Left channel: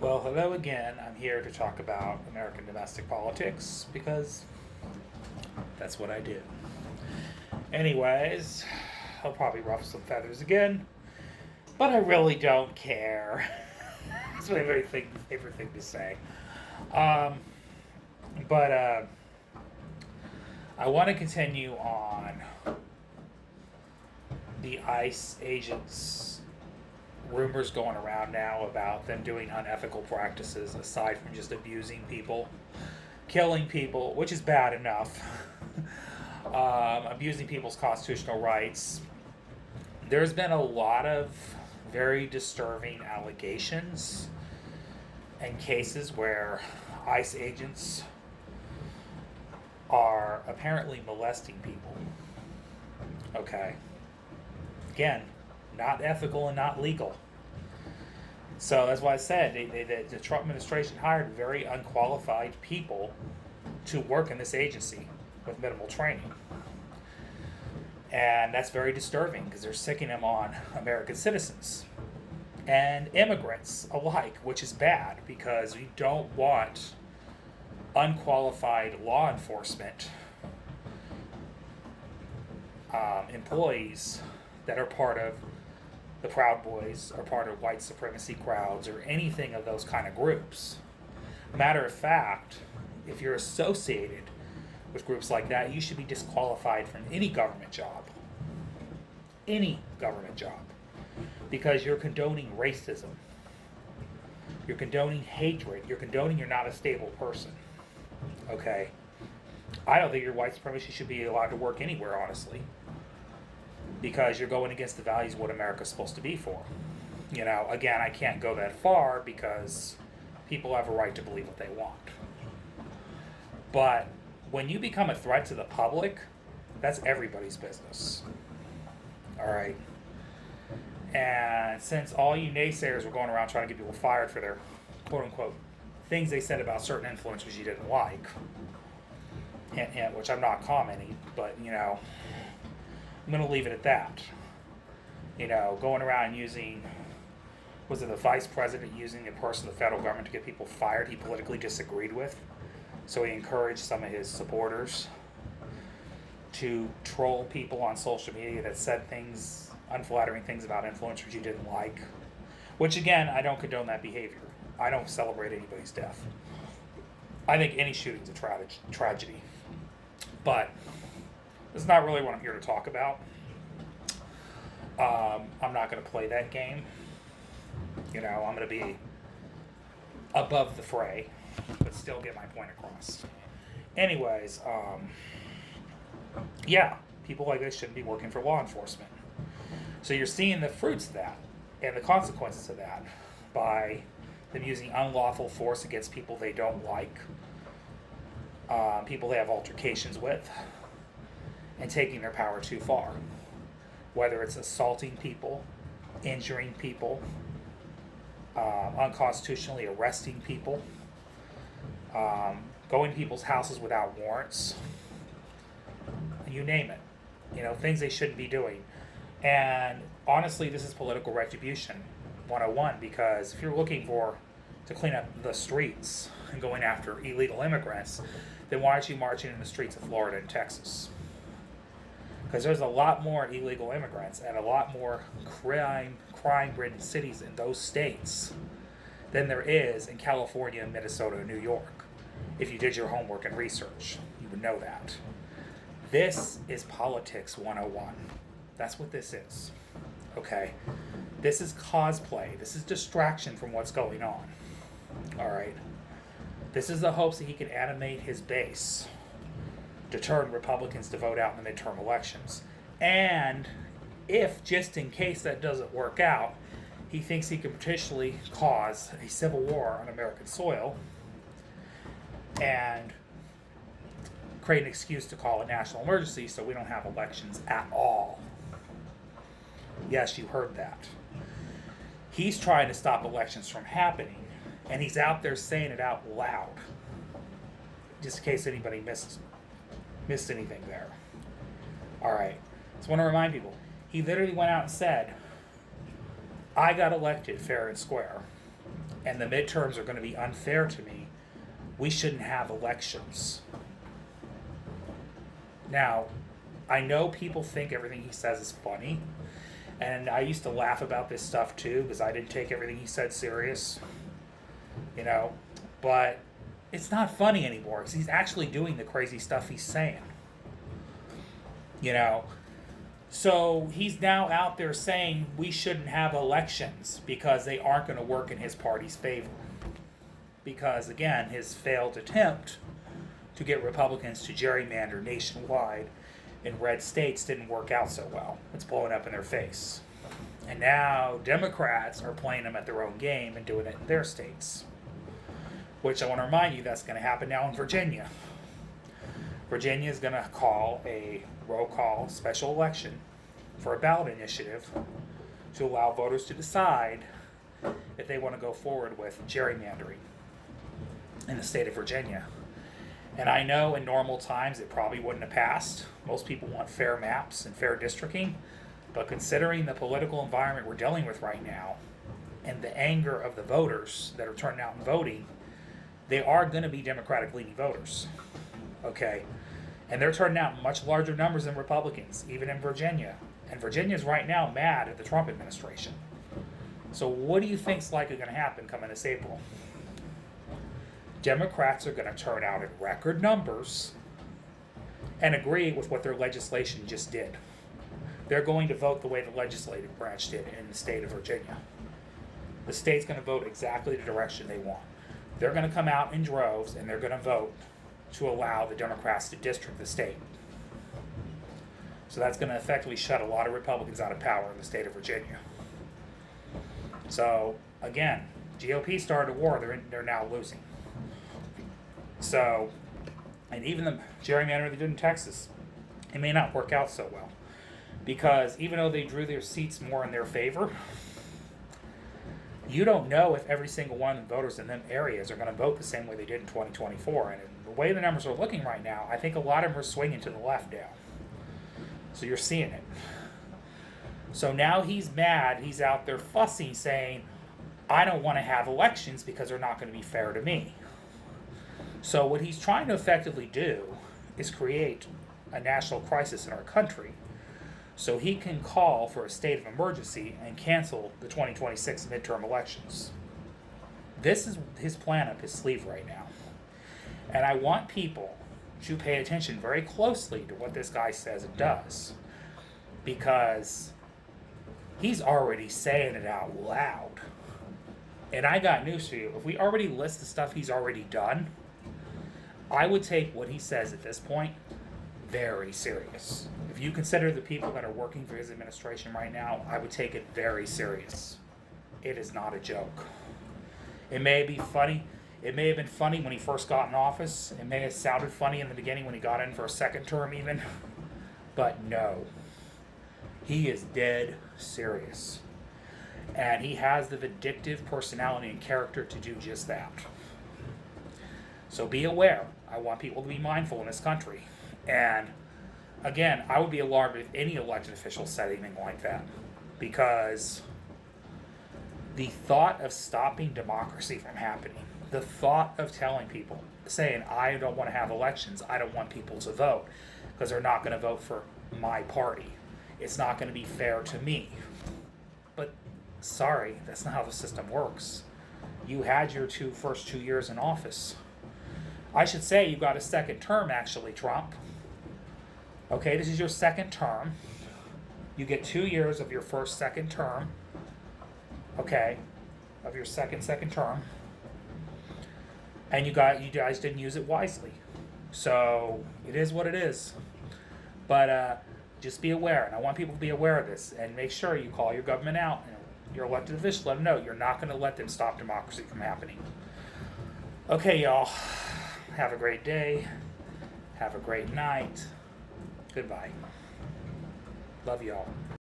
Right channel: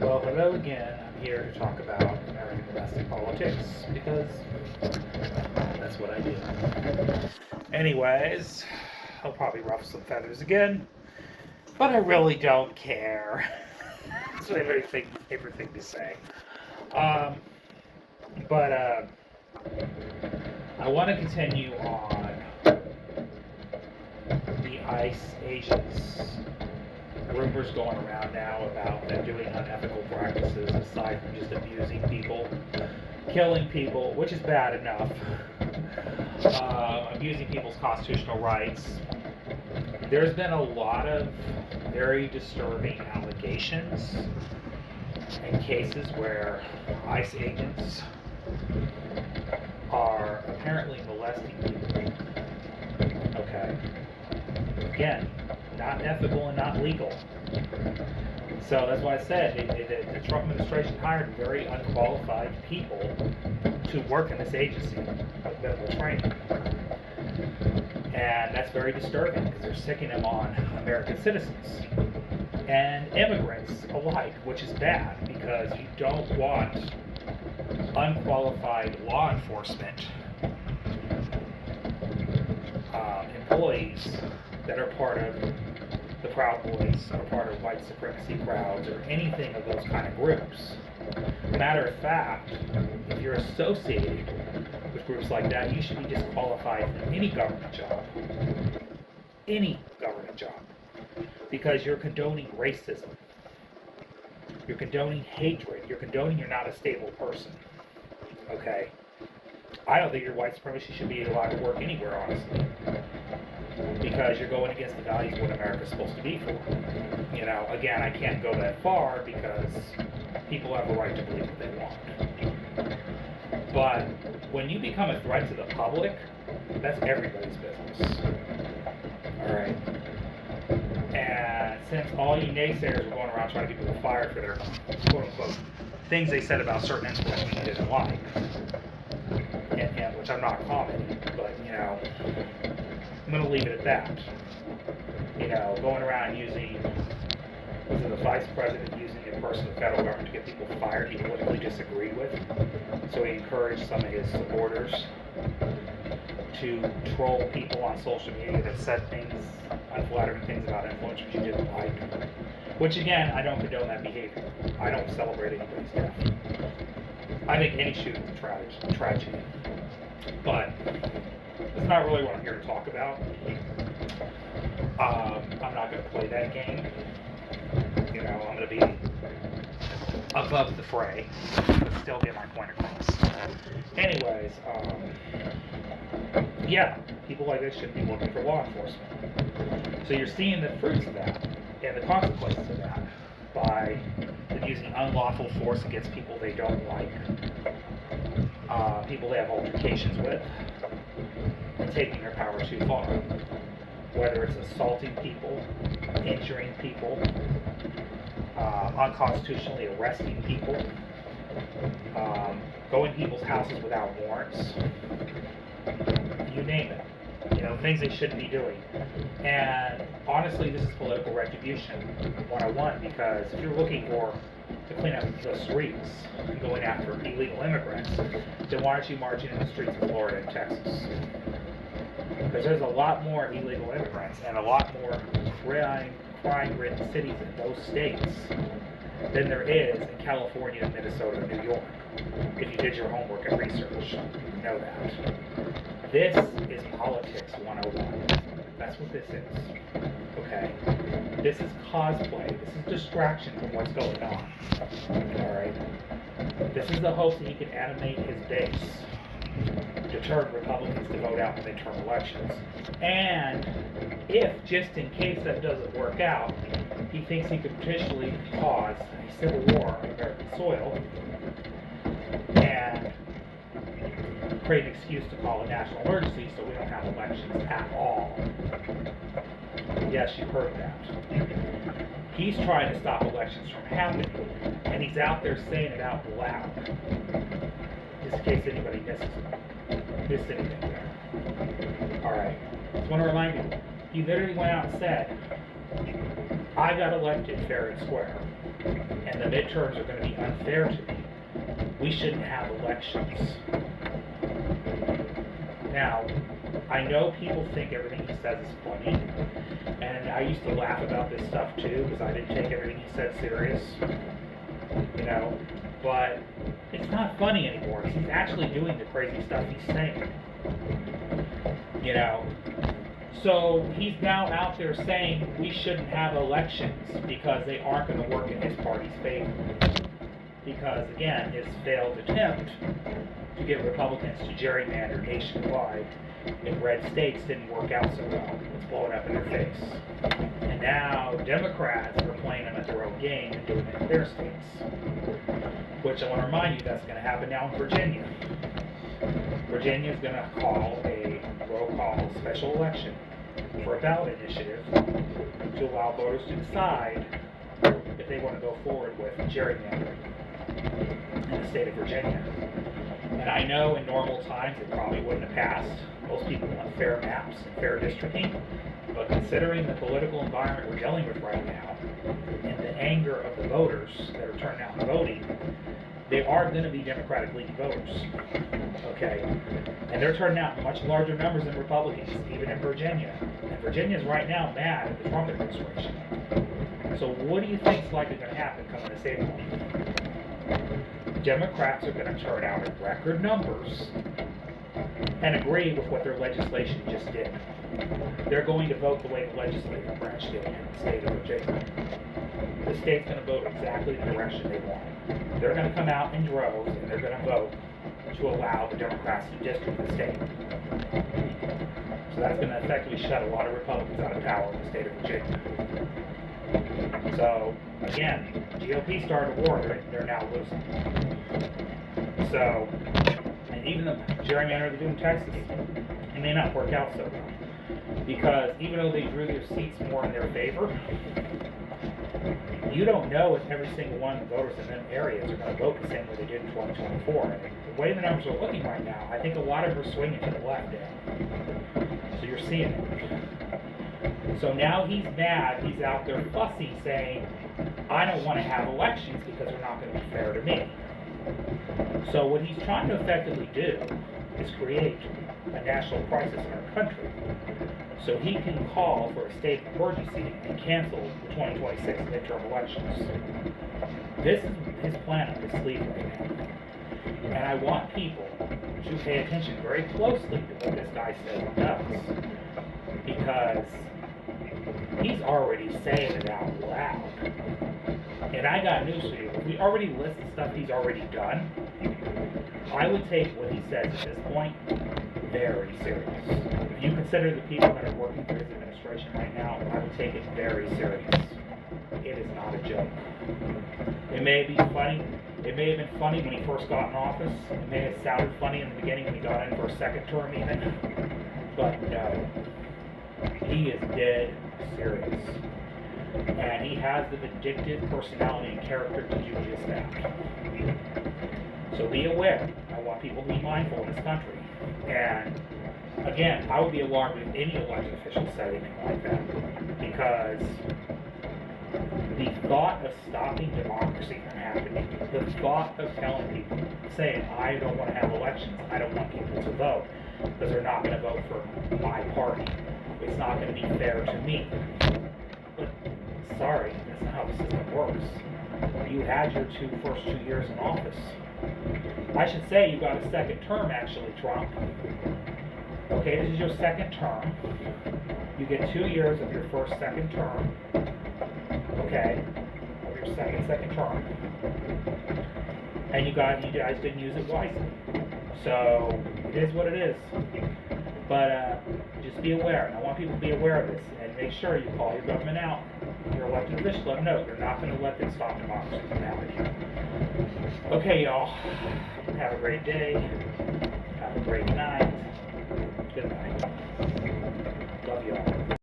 Well, hello again. I'm here to talk about American domestic politics because that's what I do. Anyways, I'll probably ruffle some feathers again, but I really don't care. That's my favorite thing to say. Um, but I want to continue on the ICE agents. Rumors going around now about them doing unethical practices aside from just abusing people, killing people, which is bad enough, abusing people's constitutional rights. There's been a lot of very disturbing allegations and cases where ICE agents are apparently molesting people. Okay. Again, not ethical and not legal. So that's why I said the Trump administration hired very unqualified people to work in this agency with minimal training. And that's very disturbing because they're sicking them on American citizens and immigrants alike, which is bad because you don't want unqualified law enforcement employees that are part of the Proud Boys or part of white supremacy crowds or anything of those kind of groups. Matter of fact, if you're associated with groups like that, you should be disqualified from any government job. Any government job. Because you're condoning racism. You're condoning hatred. You're condoning you're not a stable person. Okay? I don't think your white supremacy should be allowed to work anywhere, honestly. Because you're going against the values of what America's supposed to be for. You know, again, I can't go that far because people have a right to believe what they want. But when you become a threat to the public, that's everybody's business. Alright? And since all you naysayers were going around trying to get people fired for their quote-unquote things they said about certain influencers you didn't like, and which I'm not commenting, but, you know, I'm going to leave it at that. You know, going around using, was it the vice president using a person of the federal government to get people fired he politically disagreed with? So he encouraged some of his supporters to troll people on social media that said things, unflattering things about influencers you didn't like. Which again, I don't condone that behavior. I don't celebrate anybody's death. I think any shooting's a tragedy. But that's not really what I'm here to talk about. I'm not going to play that game. You know, I'm going to be above the fray, but still get my point across. Anyways, yeah, people like this shouldn't be working for law enforcement. So you're seeing the fruits of that and the consequences of that by them using unlawful force against people they don't like, people they have altercations with, and taking their power too far. Whether it's assaulting people, injuring people, unconstitutionally arresting people, going to people's houses without warrants, you name it. You know, things they shouldn't be doing. And honestly, this is political retribution 101, because if you're looking to clean up the streets and going after illegal immigrants, then why aren't you marching in the streets of Florida and Texas? Because there's a lot more illegal immigrants and a lot more crime-ridden cities in those states than there is in California, Minnesota, and New York. If you did your homework and research, you would know that. This is politics 101. That's what this is. Okay? This is cosplay. This is distraction from what's going on. Alright? This is the hopes that he can animate his base, deter Republicans to vote out in midterm elections. And if, just in case that doesn't work out, he thinks he could potentially cause a civil war on American soil and create an excuse to call a national emergency so we don't have elections at all. Yes, you heard that. He's trying to stop elections from happening, and he's out there saying it out loud, just in case anybody missed anything there. Alright, just want to remind people, he literally went out and said, I got elected fair and square, and and the midterms are going to be unfair to me, we shouldn't have elections. Now, I know people think everything he says is funny, and I used to laugh about this stuff too because I didn't take everything he said serious, but it's not funny anymore because he's actually doing the crazy stuff he's saying. So he's now out there saying we shouldn't have elections because they aren't going to work in his party's favor. Because, again, his failed attempt to get Republicans to gerrymander nationwide in red states didn't work out so well. It's blowing up in their face. And now Democrats are playing them at their own game and doing it in their states. Which I want to remind you that's going to happen now in Virginia. Virginia is going to call a roll call special election for a ballot initiative to allow voters to decide if they want to go forward with gerrymandering in the state of Virginia. And I know in normal times it probably wouldn't have passed. Most people want fair maps and fair districting. But considering the political environment we're dealing with right now and the anger of the voters that are turning out and voting, they are going to be Democratic-leaning voters, okay? And they're turning out in much larger numbers than Republicans, even in Virginia. And Virginia's right now mad at the Trump administration. So what do you think's likely going to happen coming this April? Democrats are going to turn out in record numbers and agree with what their legislation just did. They're going to vote the way the legislative branch did in the state of Virginia. The state's going to vote exactly the direction they want. They're going to come out in droves and they're going to vote to allow the Democrats to district the state. So that's going to effectively shut a lot of Republicans out of power in the state of Virginia. So, again, GOP started a war, they're now losing. So, and even the gerrymander they did in Texas, it may not work out so well. Because even though they drew their seats more in their favor, you don't know if every single one of the voters in them areas are going to vote the same way they did in 2024. And the way the numbers are looking right now, I think a lot of them are swinging to the left now. So you're seeing it. So now he's mad, he's out there fussy saying, I don't want to have elections because they're not going to be fair to me. So what he's trying to effectively do is create a national crisis in our country so he can call for a state of emergency and cancel the 2026 midterm elections. This is his plan up his sleeve right now. And I want people to pay attention very closely to what this guy says and does. Because he's already saying it out loud. And I got news for you. If we already list the stuff he's already done, I would take what he says at this point very serious. If you consider the people that are working for his administration right now, I would take it very serious. It is not a joke. It may be funny. It may have been funny when he first got in office. It may have sounded funny in the beginning when he got in for a second term even. But no. He is dead serious. And he has the vindictive personality and character to do just that. So be aware. I want people to be mindful in this country. And again, I would be alarmed if any elected official said anything like that. Because the thought of stopping democracy from happening, the thought of telling people, saying, I don't want to have elections, I don't want people to vote, because they're not going to vote for my party. It's not going to be fair to me. But sorry, that's not how the system works. You had your first 2 years in office. I should say you got a second term, actually, Trump. Okay, this is your second term. You get 2 years of your second term. Okay, of your second term. And you guys didn't use it wisely. So it is what it is. But just be aware, and I want people to be aware of this, and make sure you call your government out, your elected official, let them know you're not going to let them stop democracy from happening. Okay, y'all, have a great day, have a great night, goodbye, love y'all.